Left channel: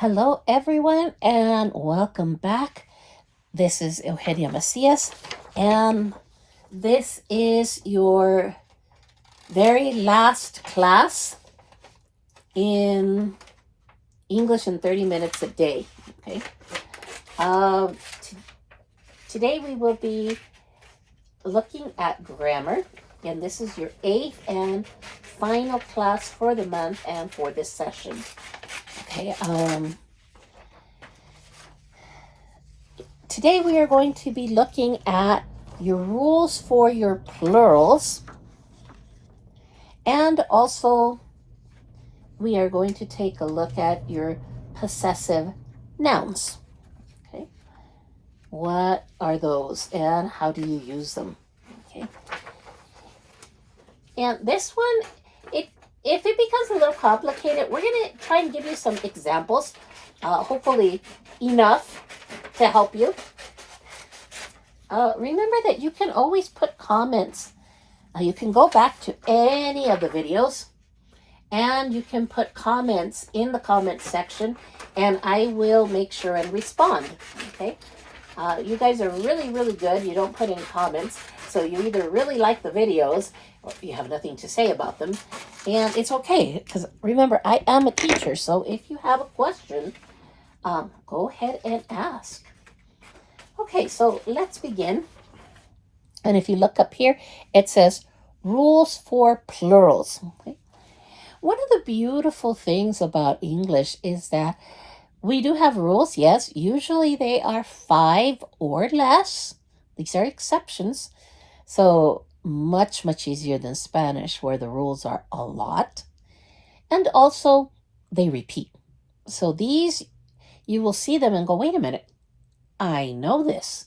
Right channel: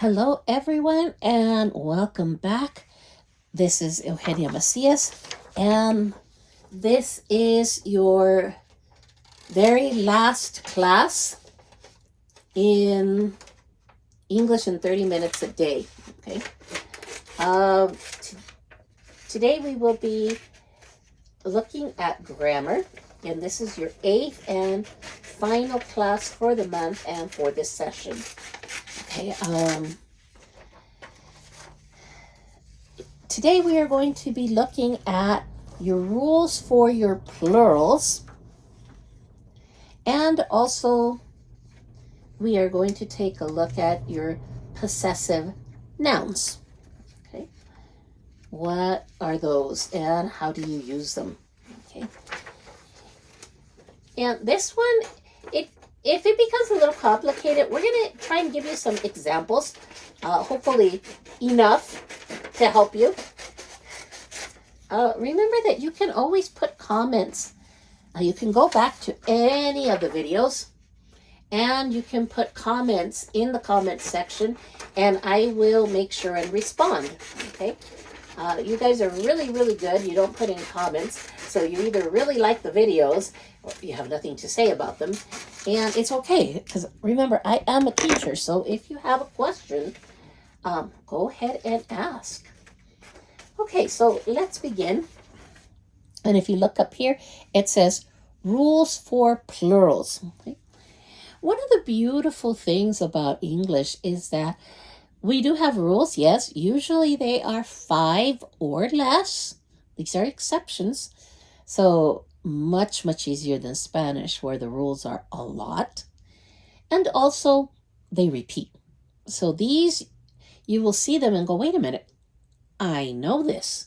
Hello, everyone, and welcome back. This is Eugenia Macias, and this is your very last class in English in 30 minutes a day. Okay. Today we will be looking at grammar, and this is your 8th and final class for the month and for this session. Okay. Today we are going to be looking at your rules for your plurals, and also we are going to take a look at your possessive nouns. Okay, what are those and how do you use them? Okay, and this one, if it becomes a little complicated, we're going to try and give you some examples, hopefully enough to help you. Remember that you can always put comments. You can go back to any of the videos and you can put comments in the comment section, and I will make sure and respond. Okay, you guys are really, really good. You don't put in comments, so you either really like the videos or you have nothing to say about them, and it's okay, because remember, I am a teacher, so if you have a question, go ahead and ask. Okay, so let's begin. And if you look up here, it says rules for plurals. Okay. One of the beautiful things about English is that we do have rules, yes. Usually they are 5 or less. These are exceptions. So much, much easier than Spanish, where the rules are a lot. And also they repeat. So these, you will see them and go, wait a minute, I know this,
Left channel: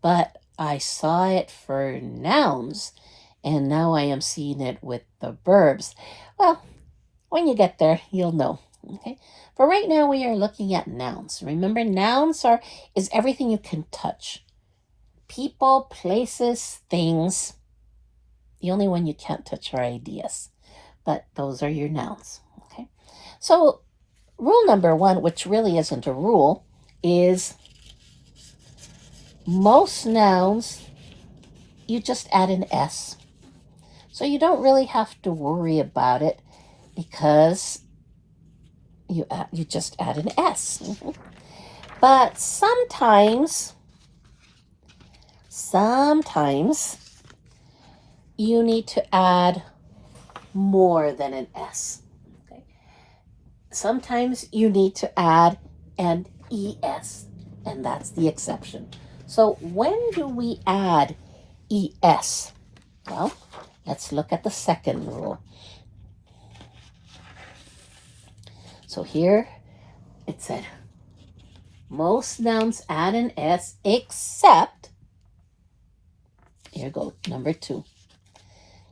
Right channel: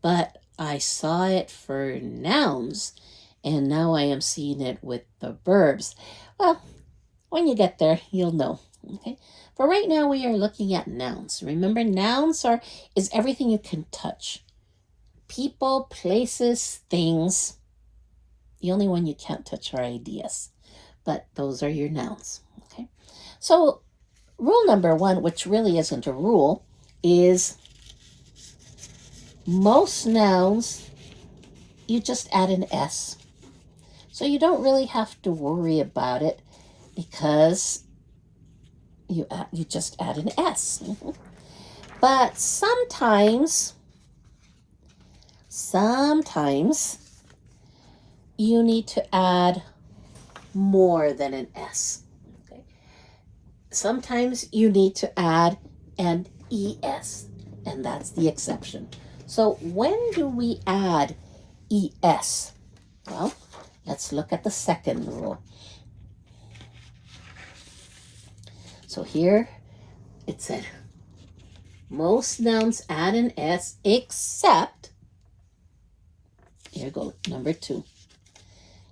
but I saw it for nouns, and now I am seeing it with the verbs. Well, when you get there, you'll know. Okay. For right now, we are looking at nouns. Remember, nouns is everything you can touch. People, places, things. The only one you can't touch are ideas, but those are your nouns. Okay. So rule number 1, which really isn't a rule, is most nouns, you just add an S. So you don't really have to worry about it because you just add an S. But sometimes you need to add more than an S. Okay? Sometimes you need to add an ES, and that's the exception. So when do we add ES? Well, let's look at the second rule. So here it said, most nouns add an S except, here goes number 2,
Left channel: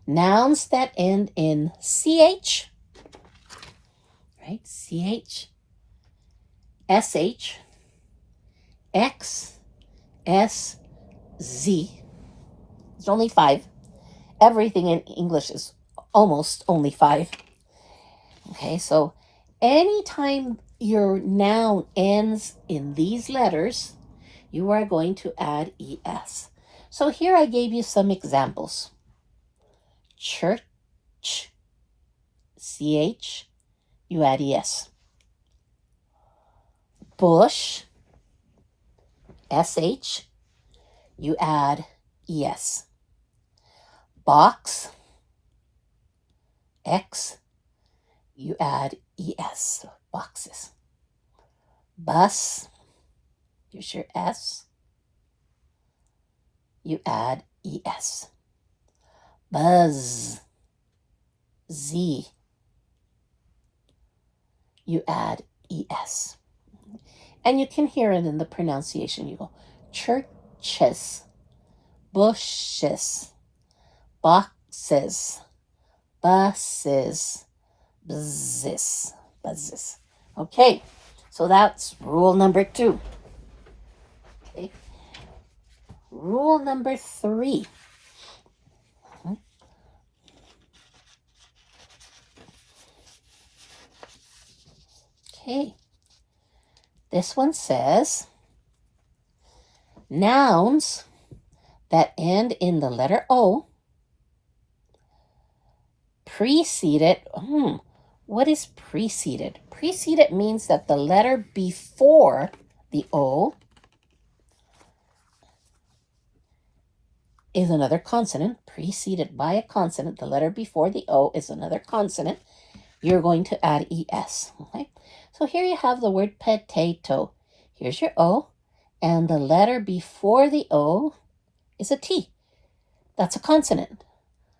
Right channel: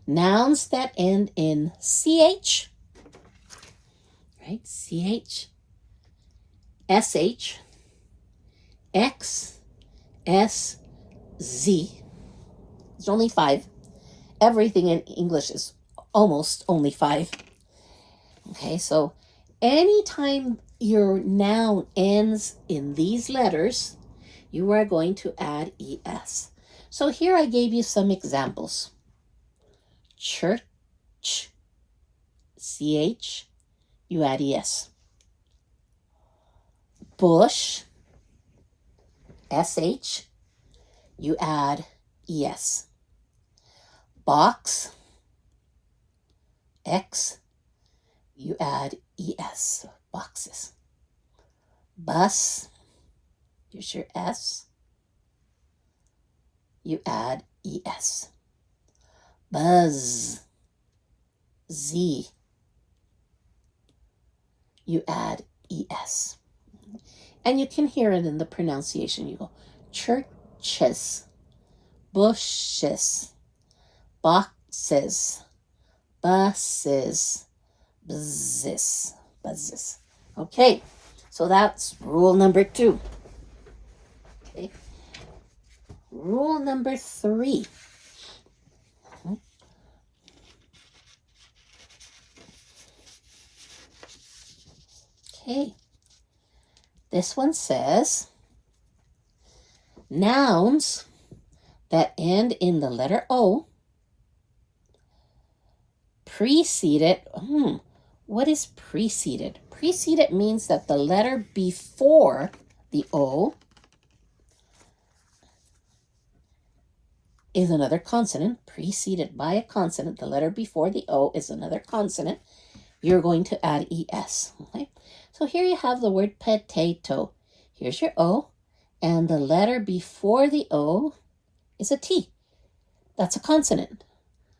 nouns that end in CH, right? CH, SH, X, S, Z. It's only 5. Everything in English is almost only 5. Okay, so anytime your noun ends in these letters, you are going to add ES. So here I gave you some examples. Church, CH, you add ES. Bush, SH, you add ES. Box, X, you add ES, boxes. Bus, here's your S, you add ES. Buzz, Z, you add ES. And you can hear it in the pronunciation. You go churches, bushes, boxes, buses, buzzes. Okay, so that's rule number 2. Okay, rule number 3. Okay, This one says, nouns that end in the letter O preceded, what is preceded? Preceded means that the letter before the O is another consonant, preceded by a consonant. The letter before the O is another consonant. You're going to add ES, okay? So here you have the word potato. Here's your O, and the letter before the O is a T. That's a consonant.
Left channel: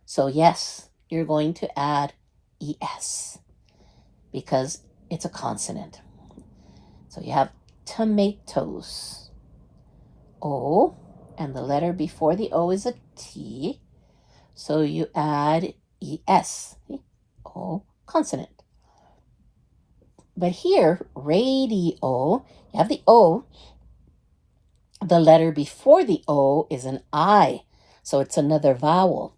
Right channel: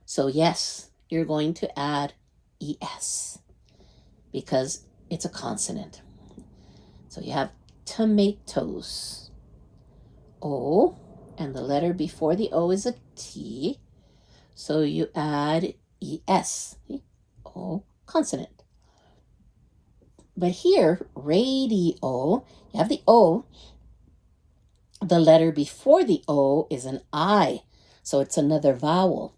So yes, you're going to add ES because it's a consonant. So you have tomatoes. O, and the letter before the O is a T. So you add ES. O, consonant. But here, radio, you have the O. The letter before the O is an I. So it's another vowel.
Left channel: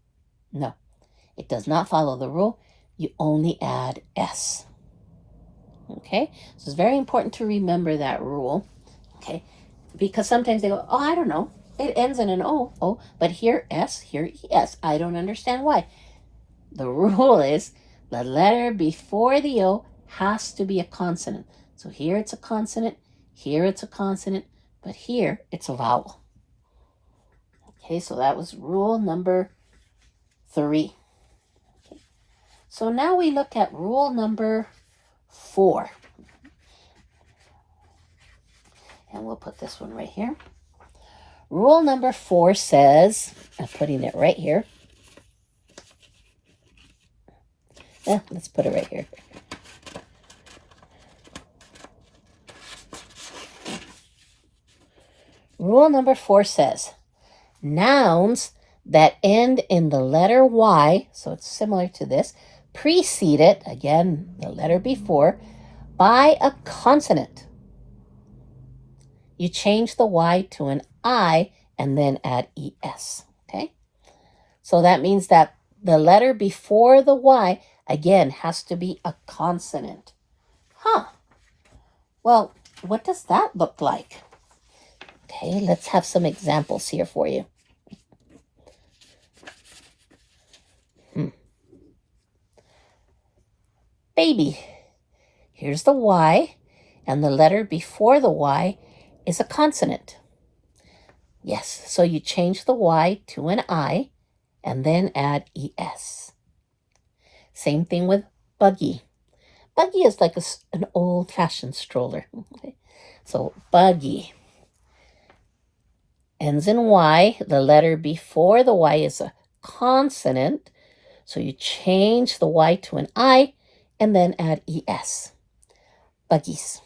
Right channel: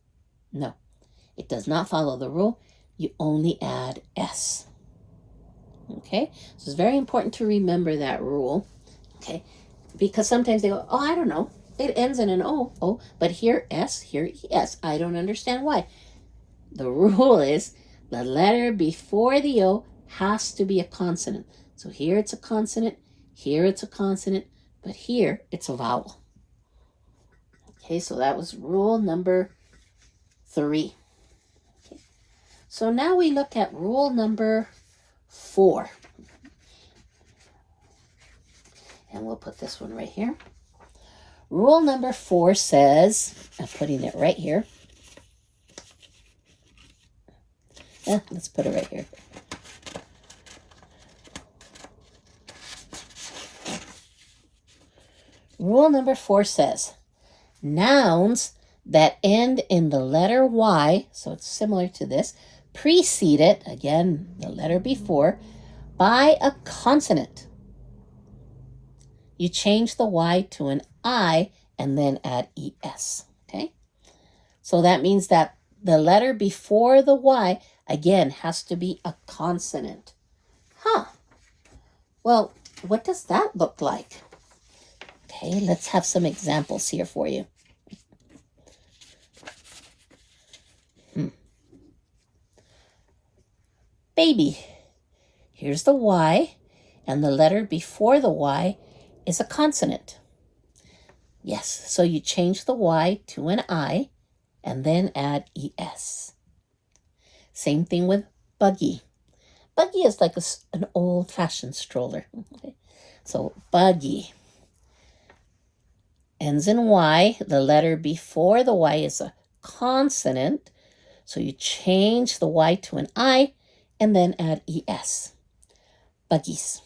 No, it does not follow the rule. You only add S. Okay, so it's very important to remember that rule. Okay, because sometimes they go, oh, I don't know. It ends in an O, but here S, here ES. I don't understand why. The rule is the letter before the O has to be a consonant. So here it's a consonant, here it's a consonant, but here it's a vowel. Okay, so that was rule number 3. Okay. So now we look at rule number 4. And we'll put this one right here. Rule number 4 says, I'm putting it right here. Yeah, let's put it right here. Rule number 4 says, nouns that end in the letter Y, so it's similar to this, preceded, again, the letter before, by a consonant. You change the Y to an I and then add ES, okay? So that means that the letter before the Y, again, has to be a consonant. Well, what does that look like? Okay, let's have some examples here for you. Baby. Here's the Y, and the letter before the Y is a consonant. Yes, so you change the Y to an I and then add ES. Same thing with buggy. Buggy is like an old-fashioned stroller. Okay? So buggy ends in Y. The letter before the Y is a consonant. So you change the Y to an I and then add ES. Buggies.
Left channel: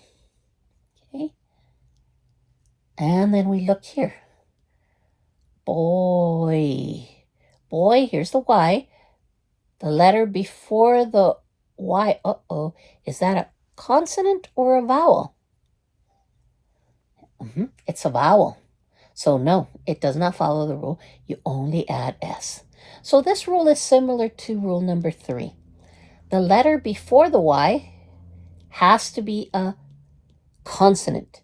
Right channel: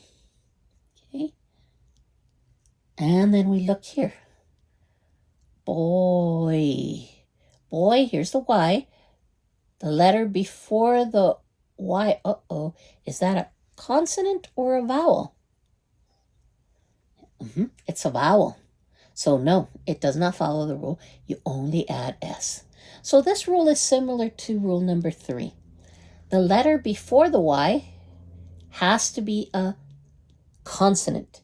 Okay. And then we look here. Boy. Boy, here's the Y. The letter before the Y, is that a consonant or a vowel? It's a vowel. So no, it does not follow the rule. You only add S. So this rule is similar to rule number 3. The letter before the Y has to be a consonant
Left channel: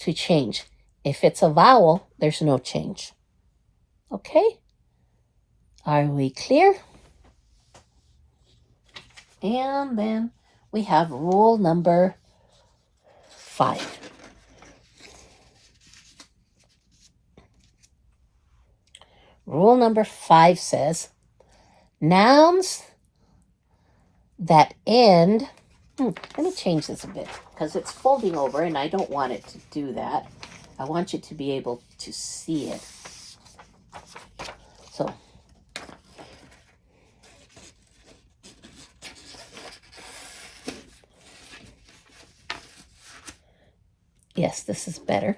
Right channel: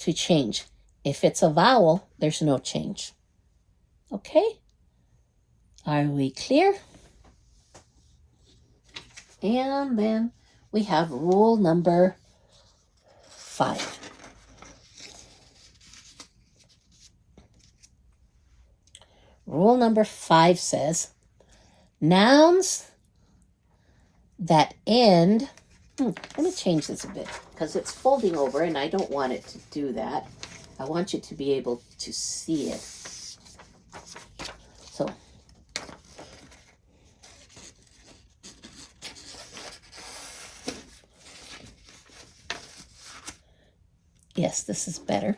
to change. If it's a vowel, there's no change. Okay? Are we clear? And then we have rule number 5. Rule number 5 says, nouns that end, let me change this a bit because it's folding over and I don't want it to do that. I want you to be able to see it. So, yes, this is better.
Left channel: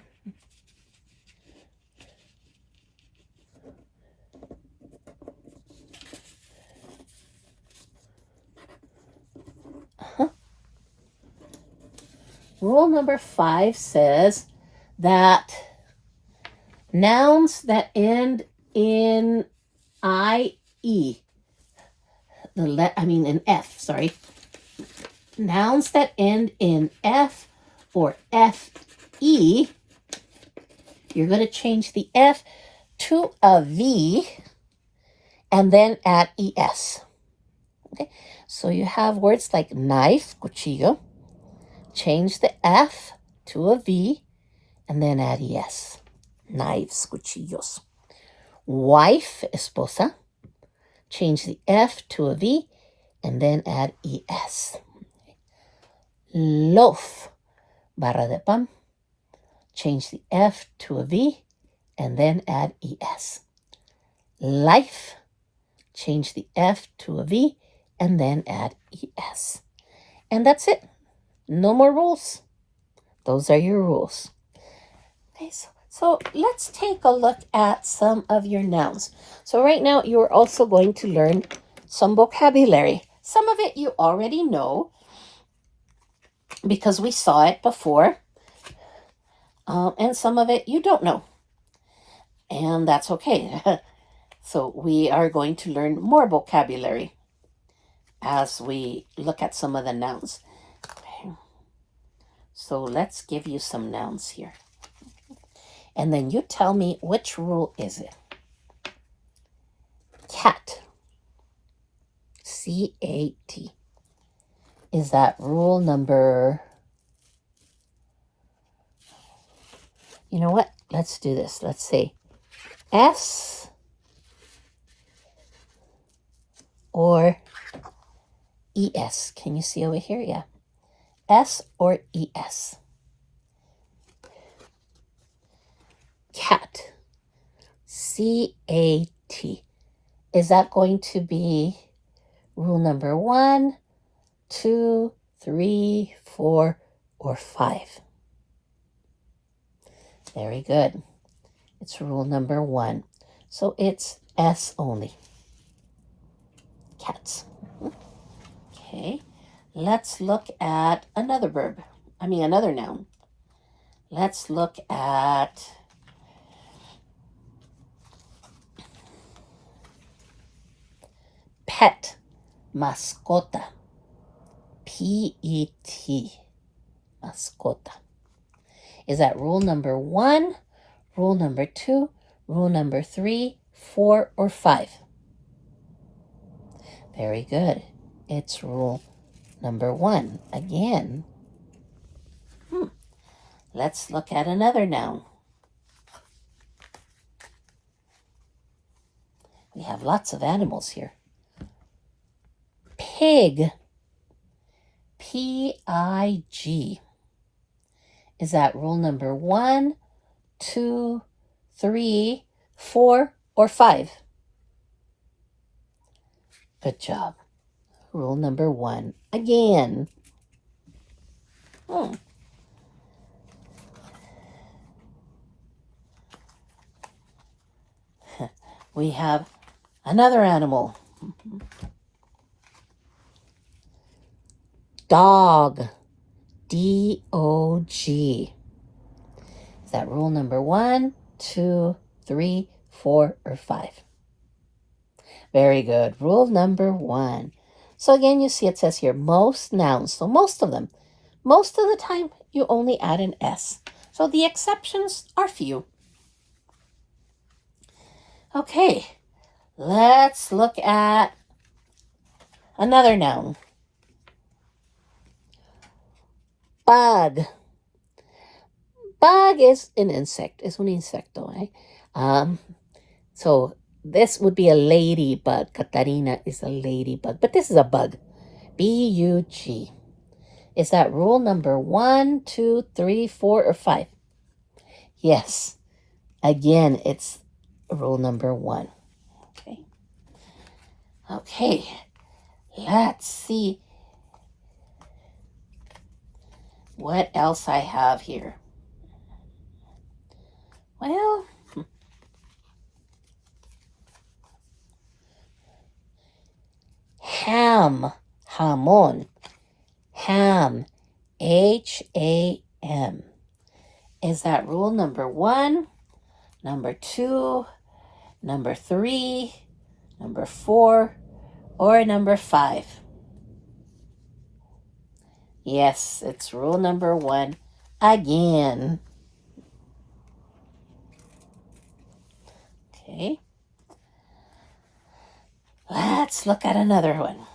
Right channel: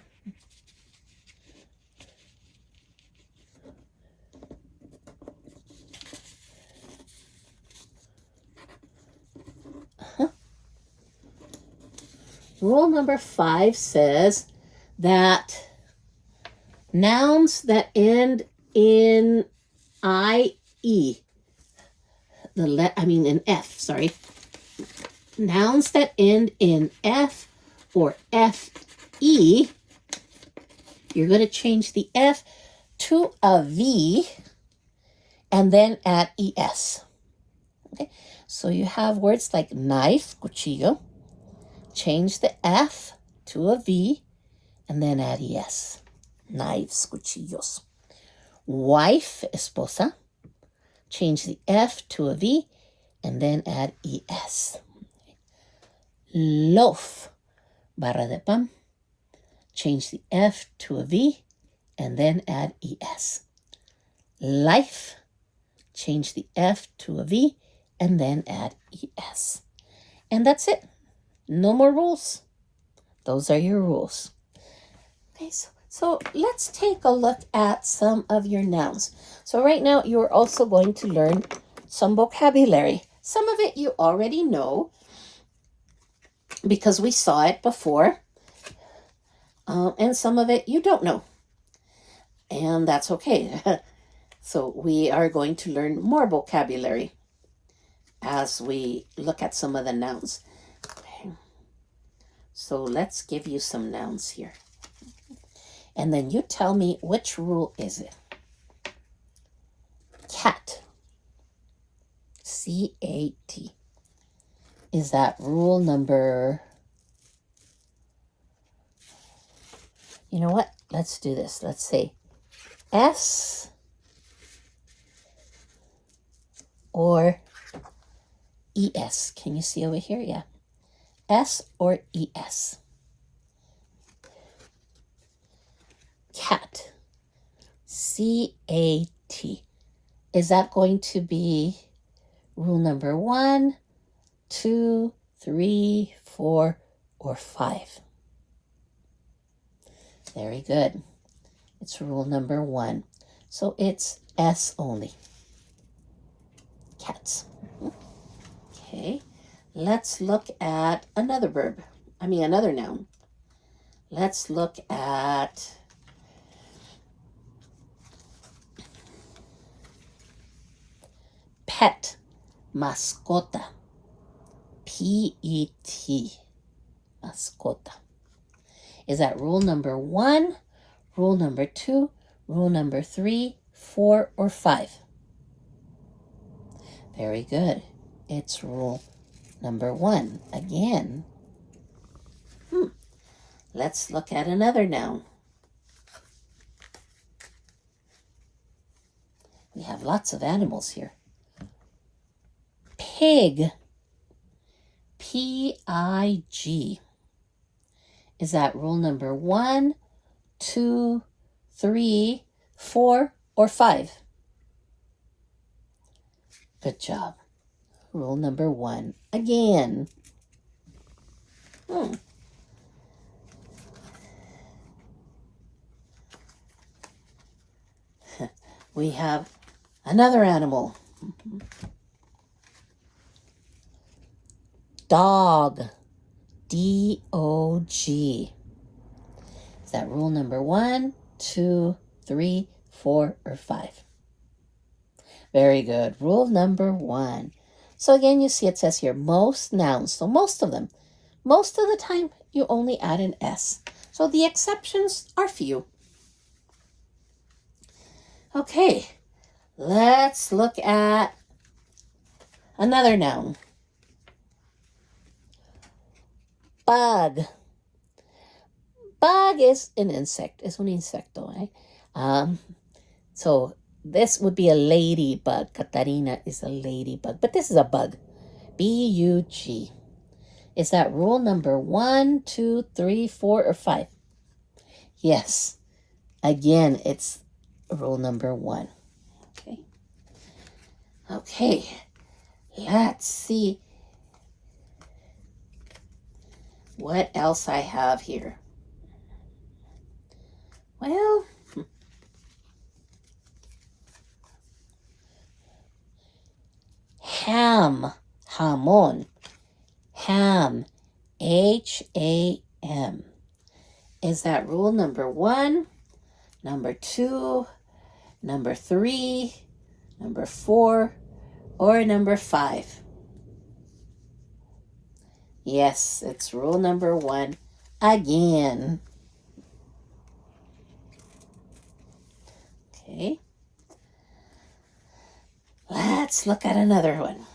Rule number 5 says that nouns that end in IE, in F, sorry. Nouns that end in F or F-E, you're going to change the F to a V and then add ES. Okay, so you have words like knife, cuchillo, change the F to a V and then add ES. Knives, cuchillos. Wife, esposa, change the F to a V and then add ES. Loaf, barra de pan, change the F to a V and then add ES. Life, change the F to a V and then add ES. And that's it. No more rules. Those are your rules. Okay, so let's take a look at some of your nouns. So right now you're also going to learn some vocabulary. Some of it you already know because we saw it before. And some of it you don't know. And that's okay. So we are going to learn more vocabulary as we look at some of the nouns. Okay. So let's give you some nouns here. And then you tell me which rule is it. Cat. C-A-T. Is that rule number... You know what? Let's do this. Let's say S or ES. Can you see over here? Yeah. S or ES. Cat. C-A-T. Is that going to be rule number 1, 2, 3, 4, or 5? Very good. It's rule number 1. So it's S only. Cats. Okay. Let's look at another verb. Another noun. Let's look at pet. Mascota. P-E-T. Mascota. Is that rule number 1, rule number 2, rule number 3, 4, or 5? Very good. It's rule number 1. Again. Let's look at another noun. We have lots of animals here. Pig. P-I-G. Is that rule number 1, 2, 3, 4, or 5? Good job. Rule number 1. Again. We have another animal. Dog. D-O-G. Is that rule number 1, 2, 3, 4, or 5? Very good. Rule number 1. So again, you see it says here, most nouns. So most of them. Most of the time, you only add an S. So the exceptions are few. Okay. Let's look at another noun. Bug. Bug is an insect. Es un insecto, eh? So this would be a ladybug. Katarina is a ladybug. But this is a bug. B-U-G. Is that rule number 1, 2, 3, 4, or 5? Yes. Again, it's rule number 1. Okay. Okay. Let's see what else I have here. Well, ham, jamón, ham, H-A-M. Is that rule number 1, number 2, number 3, number 4, or number 5? Yes, it's rule number 1, again. Okay. Let's look at another one.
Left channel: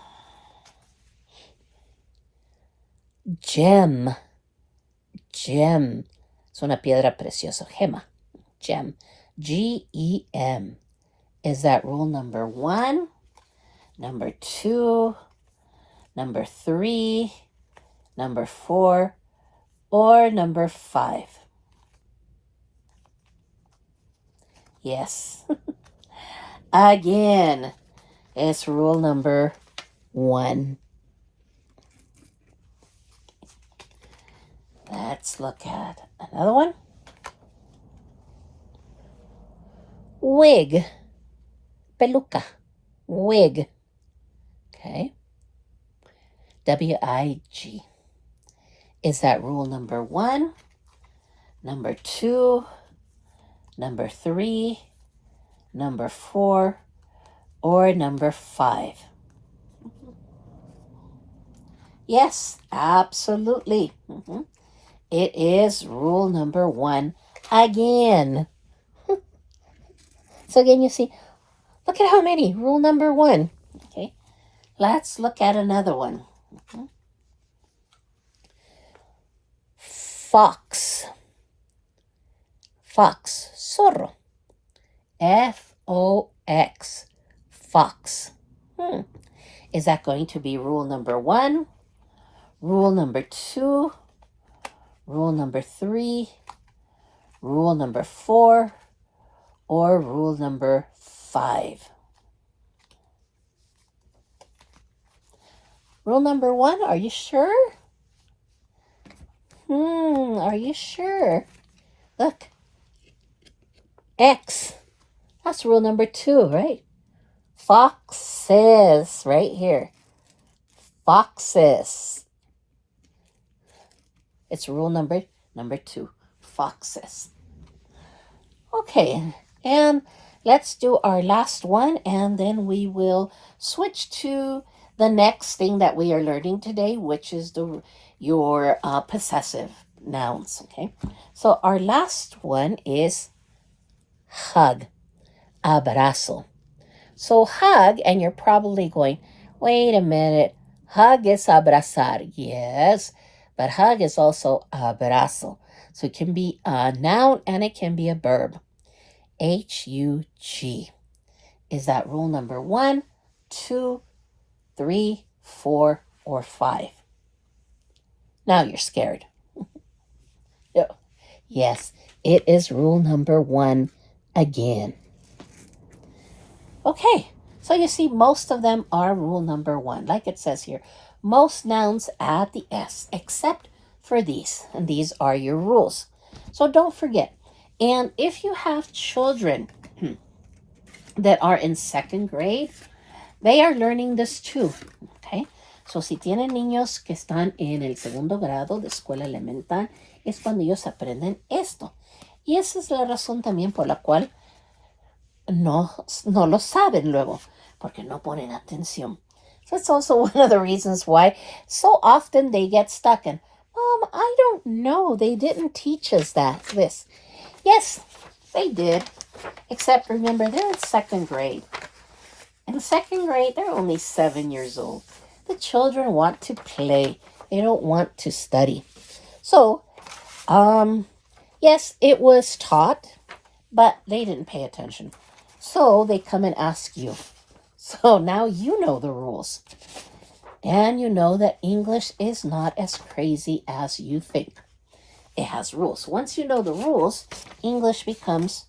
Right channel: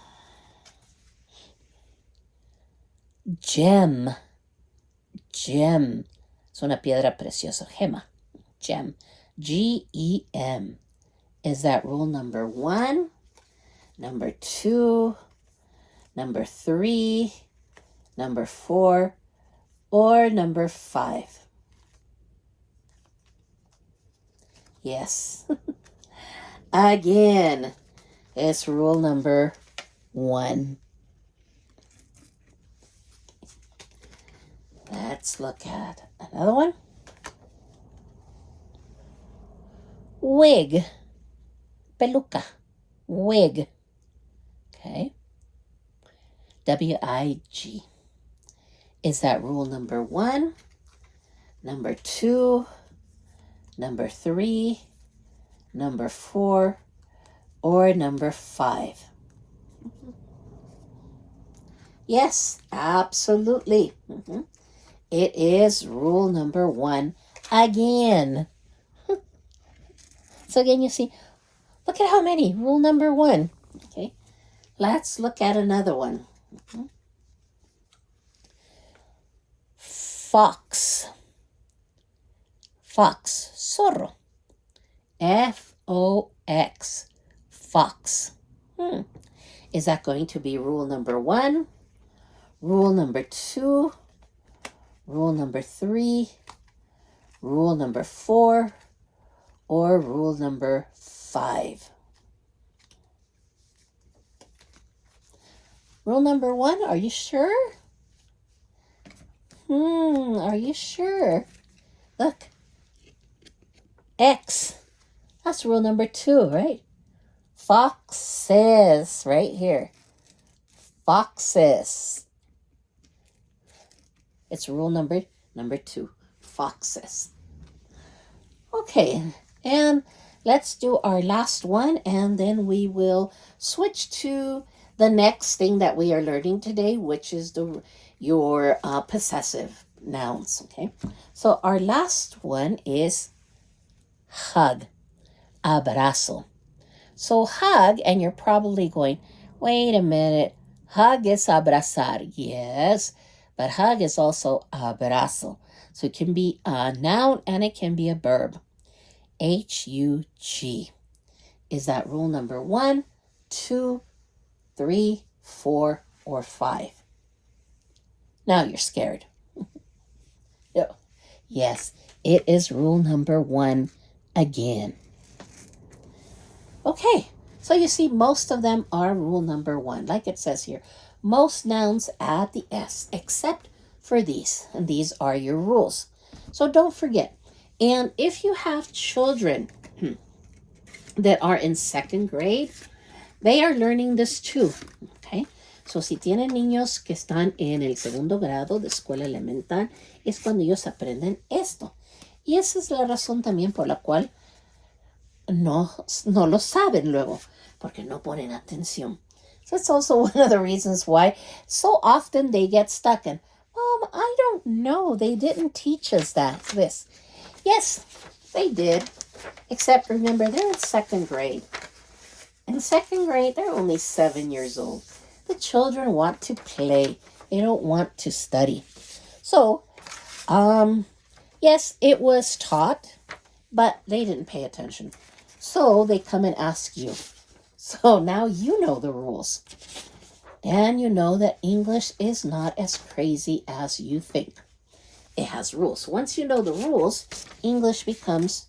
Gem. Gem. Es una piedra preciosa. Gema. Gem. G-E-M. Is that rule number 1, number 2, number 3, number 4, or number 5? Yes. Again, it's rule number 1. Let's look at another one. Wig. Peluca. Wig. Okay. W-I-G. Is that rule number 1, number 2, number 3, number 4, or number 5? Yes, absolutely. It is rule number 1 again. So again, you see, look at how many. Rule number 1. Okay, let's look at another one. Fox. Fox. Zorro. F-O-X. Fox. Is that going to be rule number 1, rule number 2, rule number 3, rule number 4, or rule number 5? Rule number 1, are you sure? Are you sure? Look. X. That's rule number 2, right? Foxes, right here. Foxes. It's rule number 2, foxes. Okay, and let's do our last one, and then we will switch to the next thing that we are learning today, which is your possessive nouns. Okay, so our last one is hug, abrazo. So hug, and you're probably going, wait a minute, hug is abrazar. Yes, but hug is also abrazo. So it can be a noun and it can be a verb. H-U-G. Is that rule number 1, 2, 3, 4, or 5? Now you're scared. Yes, it is rule number 1 again. Okay, so you see most of them are rule number 1. Like it says here, most nouns add the S except for these, and these are your rules. So don't forget. And if you have children that are in 2nd grade, they are learning this too. Okay, so si tienen niños que están en el 2º grado de escuela elemental, es cuando ellos aprenden esto. Y esa es la razón también por la cual no lo saben luego, porque no ponen atención. So it's also one of the reasons why so often they get stuck in, Mom, I don't know, they didn't teach us this. Yes, they did, except remember, they're in 2nd grade. In 2nd grade, they're only 7 years old. The children want to play. They don't want to study. So, yes, it was taught, but they didn't pay attention. So they come and ask you. So now you know the rules. And you know that English is not as crazy as you think. It has rules. Once you know the rules, English becomes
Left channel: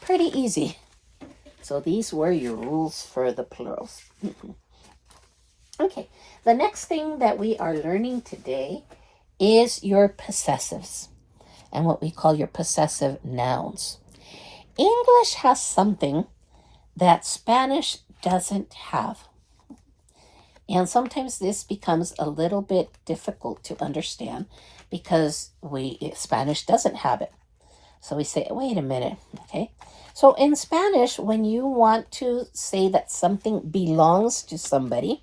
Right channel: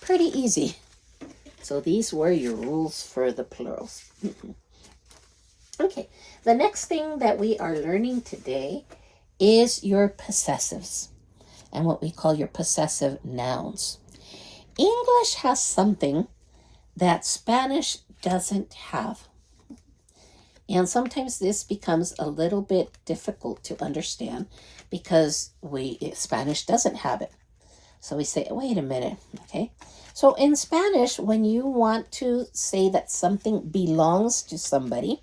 pretty easy. So these were your rules for the plurals. Okay, the next thing that we are learning today is your possessives and what we call your possessive nouns. English has something that Spanish doesn't have. And sometimes this becomes a little bit difficult to understand because Spanish doesn't have it. So we say, wait a minute, okay? So in Spanish, when you want to say that something belongs to somebody,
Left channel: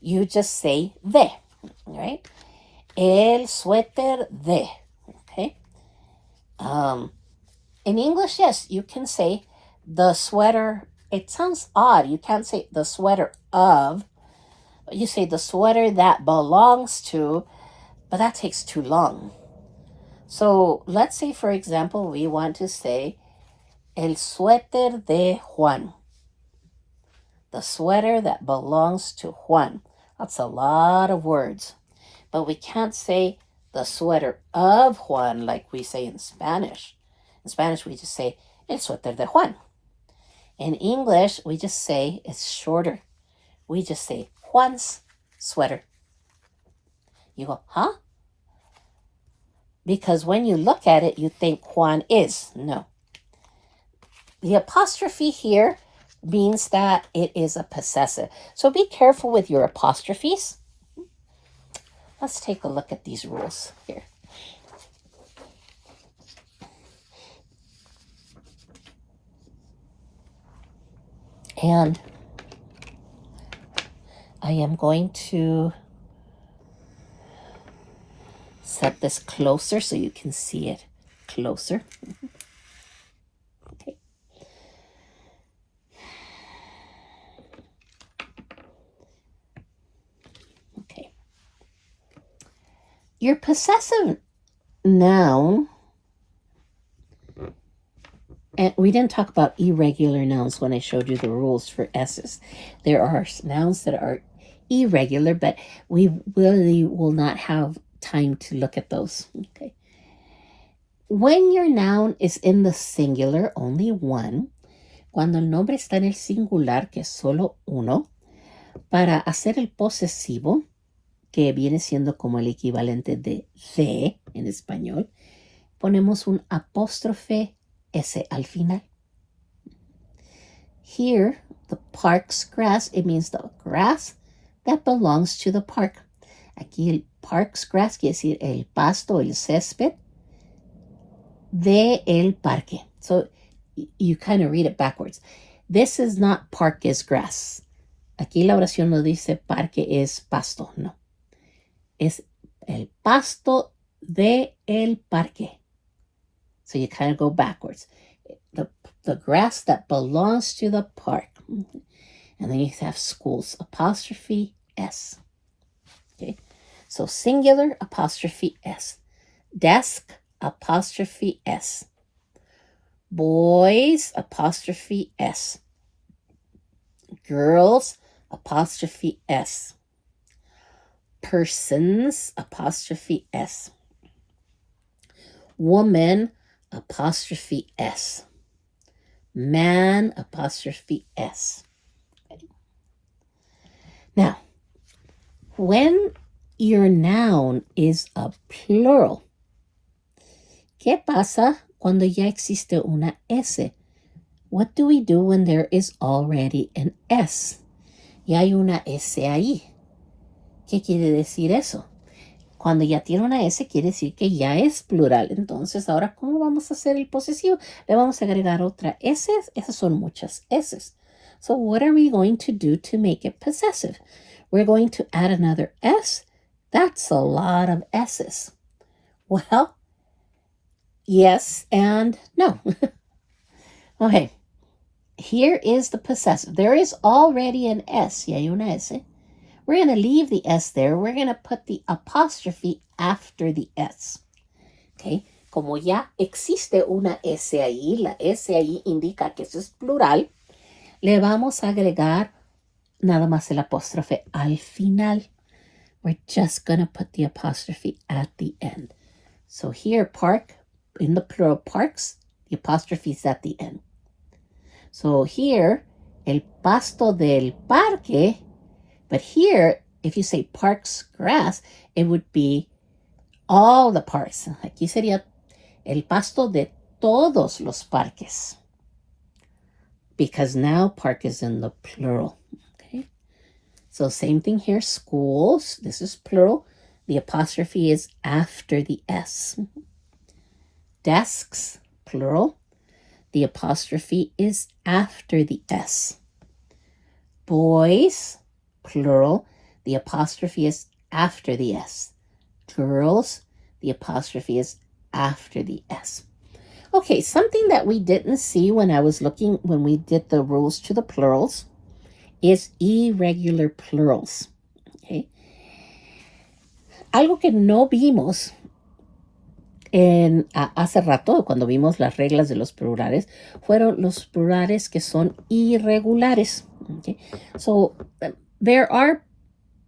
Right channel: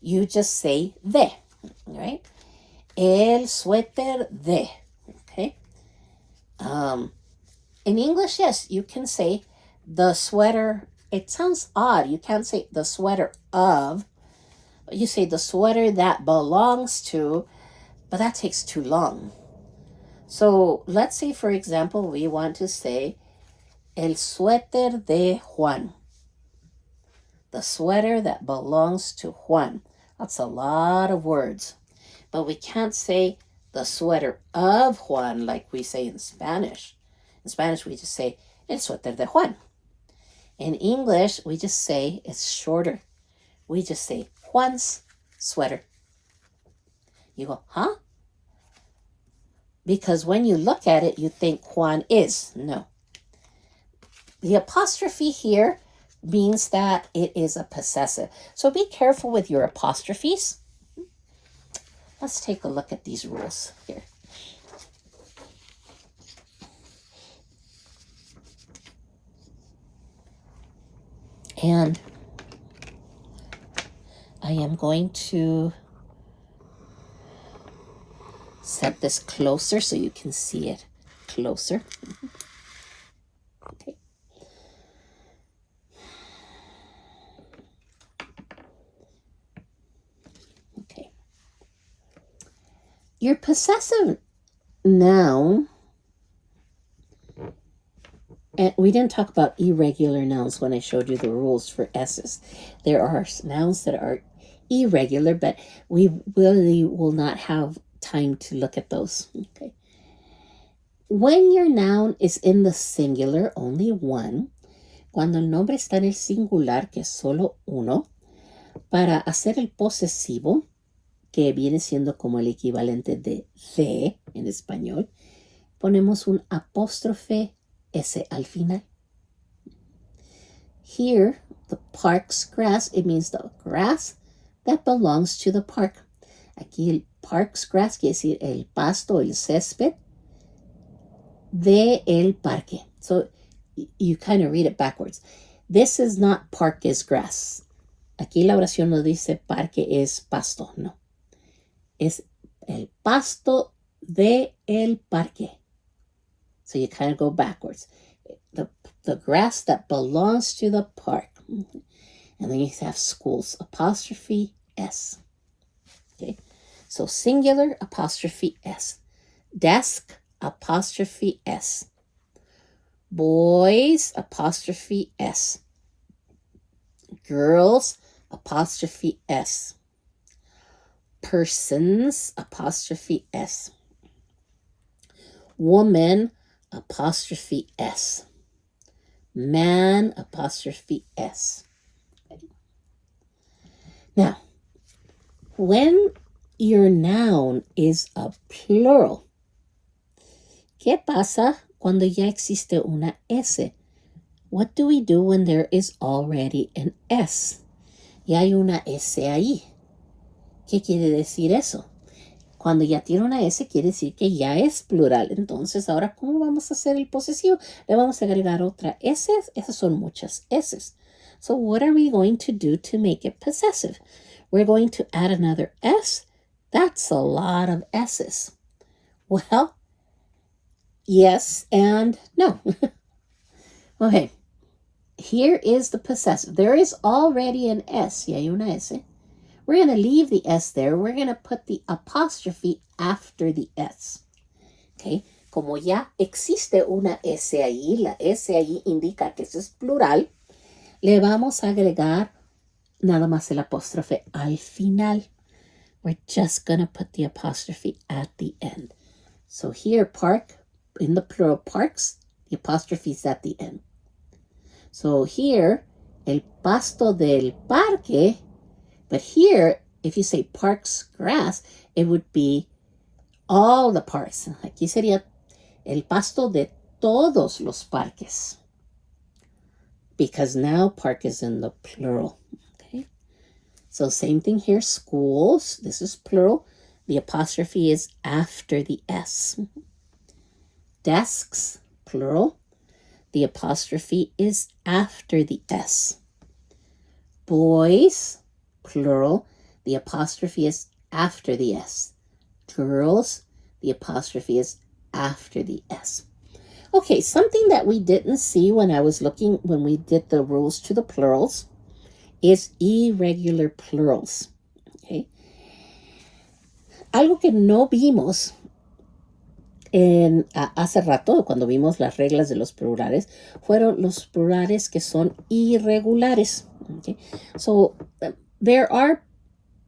you just say de, right? El suéter de, In English, yes, you can say the sweater. It sounds odd. You can't say the sweater of. You say the sweater that belongs to, but that takes too long. So let's say, for example, we want to say el suéter de Juan. The sweater that belongs to Juan. That's a lot of words. But we can't say the sweater of Juan like we say in Spanish. In Spanish, we just say el suéter de Juan. In English, we just say it's shorter. We just say Juan's sweater. You go, huh? Because when you look at it, you think Juan is. No. The apostrophe here means that it is a possessive. So be careful with your apostrophes. Let's take a look at these rules here. And I am going to set this closer so you can see it closer. Okay. Okay. Your possessive noun, and we didn't talk about irregular nouns when I showed you the rules for S's. There are nouns that are irregular, but we really will not have time to look at those. Okay. When your noun is in the singular, only one, cuando el nombre está en el singular, que es solo uno, para hacer el posesivo, que viene siendo como el equivalente de en español, ponemos un apóstrofe S al final. Here, the park's grass, it means the grass that belongs to the park. Aquí el park's grass quiere decir el pasto, el césped de el parque. So you kind of read it backwards. This is not park is grass. Aquí la oración no dice parque es pasto, no. Es el pasto de el parque. So you kind of go backwards. The grass that belongs to the park. And then you have schools, apostrophe S. Okay, so singular, apostrophe S. Desk, apostrophe S. Boys, apostrophe S. Girls, apostrophe S. Persons, apostrophe S. Woman, apostrophe S. Man, apostrophe S. Okay. Now, when your noun is a plural, ¿qué pasa cuando ya existe una S? What do we do when there is already an S? Y hay una S ahí. ¿Qué quiere decir eso? Cuando ya tiene una S, quiere decir que ya es plural. Entonces, ahora, ¿cómo vamos a hacer el posesivo? Le vamos a agregar otra S. Esas son muchas S. So, what are we going to do to make it possessive? We're going to add another S. That's a lot of S's. Well, yes and no. Okay. Here is the possessive. There is already an S. Y hay una S. We're going to leave the S there. We're going to put the apostrophe after the S. Okay. Como ya existe una S ahí, la S ahí indica que eso es plural, le vamos a agregar nada más el apóstrofe al final. We're just going to put the apostrophe at the end. So here, park, in the plural parks, the apostrophe is at the end. So here, el pasto del parque, but here, if you say park's grass, it would be all the parks. Aquí sería el pasto de todos los parques. Because now park is in the plural. Okay. So same thing here, schools. This is plural. The apostrophe is after the S. Desks, plural. The apostrophe is after the S. Boys, plural. The apostrophe is after the S. Girls, the apostrophe is after the S. Okay, something that we didn't see when we did the rules to the plurals is irregular plurals. Okay. Algo que no vimos hace rato, cuando vimos las reglas de los plurales, fueron los plurales que son irregulares. Okay. So there are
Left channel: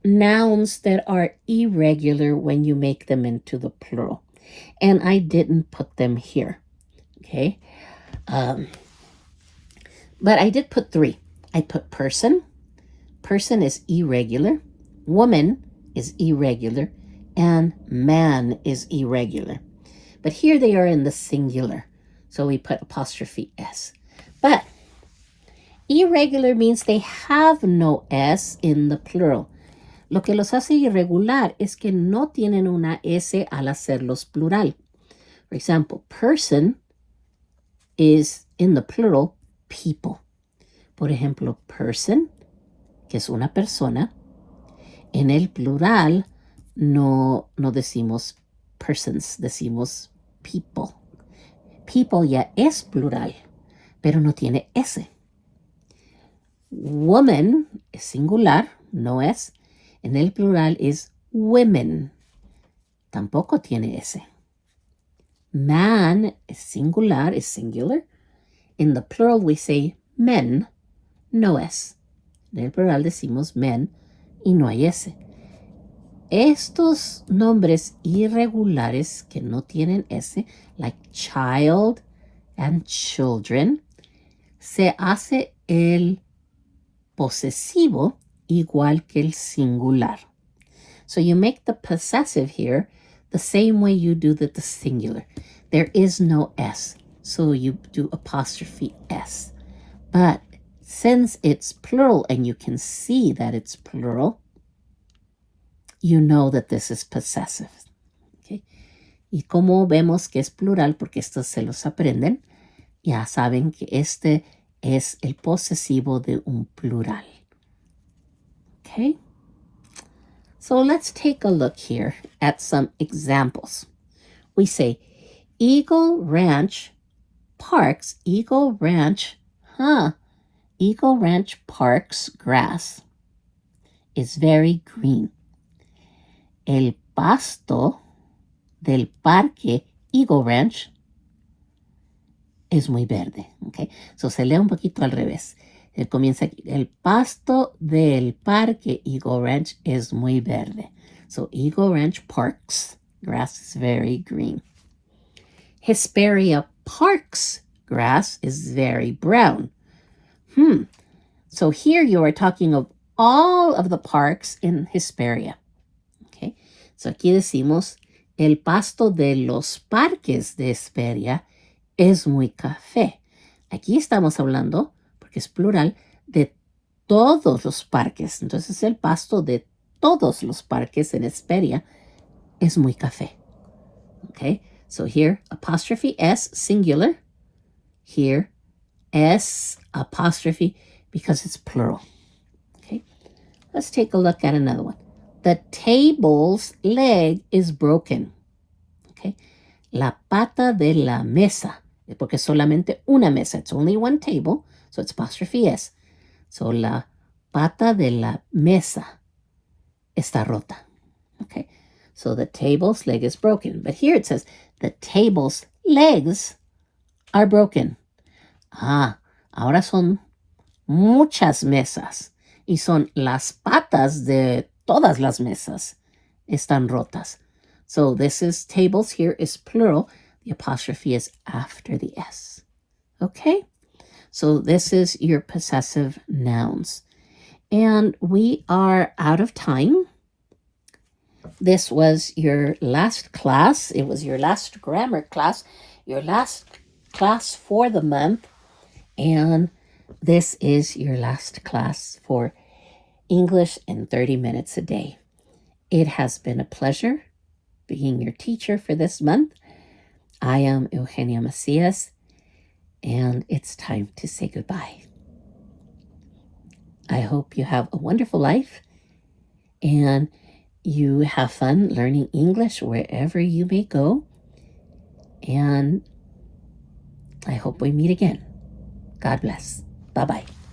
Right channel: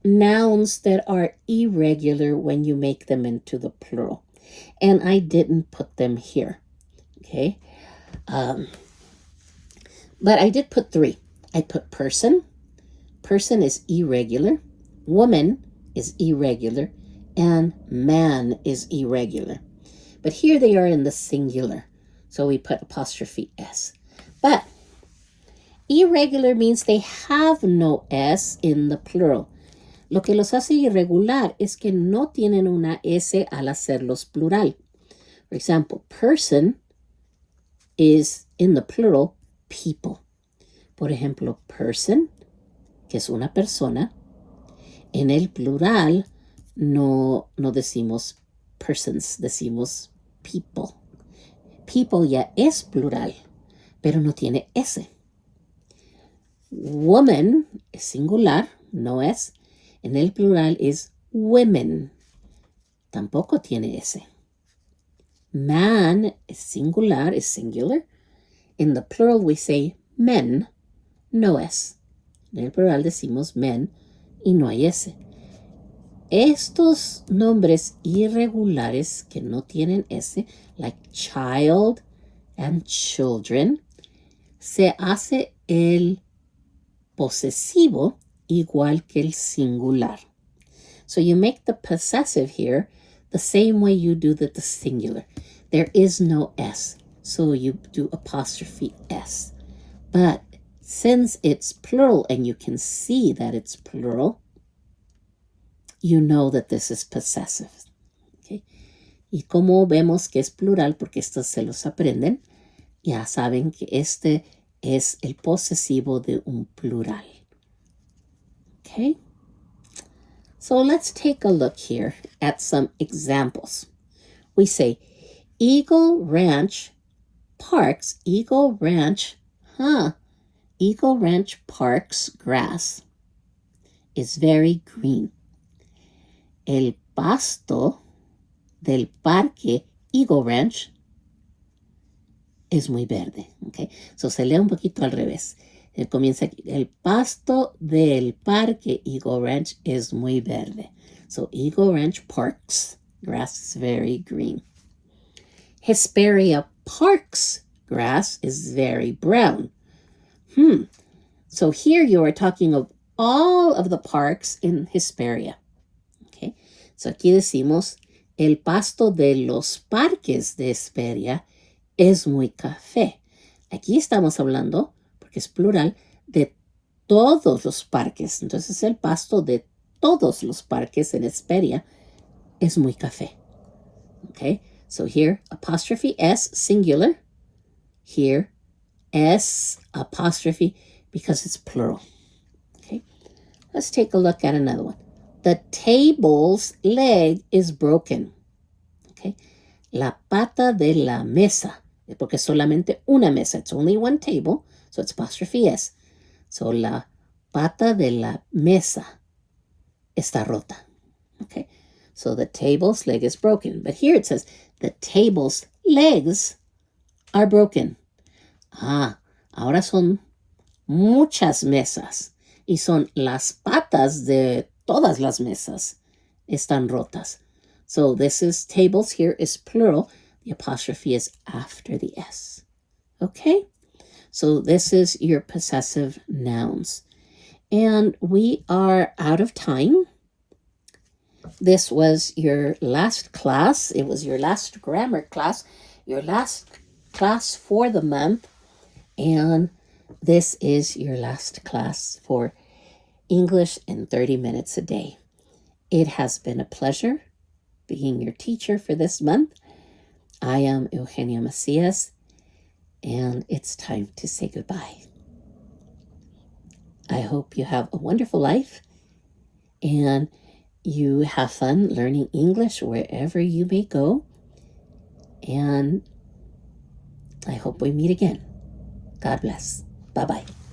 nouns that are irregular when you make them into the plural. And I didn't put them here. Okay. But I did put 3. I put person. Person is irregular. Woman is irregular. And man is irregular. But here they are in the singular. So we put apostrophe S. But irregular means they have no S in the plural. Lo que los hace irregular es que no tienen una S al hacerlos plural. For example, person is in the plural people. Por ejemplo, person, que es una persona, en el plural no decimos persons, decimos people. People ya es plural, pero no tiene S. Woman es singular, no es. En el plural es women, tampoco tiene S. Man es singular, es singular. In the plural we say men, no S. En el plural decimos men y no hay S. Estos nombres irregulares que no tienen S, like child and children, se hace el posesivo igual que el singular. So you make the possessive here the same way you do the singular. There is no S, so you do apostrophe S. But since it's plural and you can see that it's plural, you know that this is possessive. Okay? Y como vemos que es plural, porque estos se los aprenden, ya saben que este es el posesivo de un plural. Okay? So let's take a look here at some examples. We say, Eagle Ranch Parks grass is very green. El pasto del parque Eagle Ranch es muy verde. Okay? So se lee un poquito al revés. Él comienza aquí. El pasto del parque Eagle Ranch es muy verde. So Eagle Ranch Parks grass is very green. Hesperia Parks grass is very brown. So here you are talking of all of the parks in Hesperia. Okay. So aquí decimos, el pasto de los parques de Hesperia es muy café. Aquí estamos hablando, porque es plural, de todos los parques. Entonces el pasto de todos los parques en Hesperia es muy café. Okay. So here, apostrophe S, singular. Here, S, apostrophe, because it's plural. Okay. Let's take a look at another one. The table's leg is broken. Okay. La pata de la mesa, porque es solamente una mesa. It's only one table, so it's apostrophe S. So la pata de la mesa está rota. Okay. So the table's leg is broken. But here it says, the table's legs are broken. Ahora son muchas mesas y son las patas de todas las mesas están rotas. So this is tables here is plural. The apostrophe is after the S. Okay? So this is your possessive nouns. And we are out of time. This was your last class. It was your last grammar class, your last class for the month. And this is your last class for English in 30 minutes a day. It has been a pleasure being your teacher for this month. I am Eugenia Macias, and it's time to say goodbye. I hope you have a wonderful life, and you have fun learning English wherever you may go. And I hope we meet again. God bless. Bye-bye.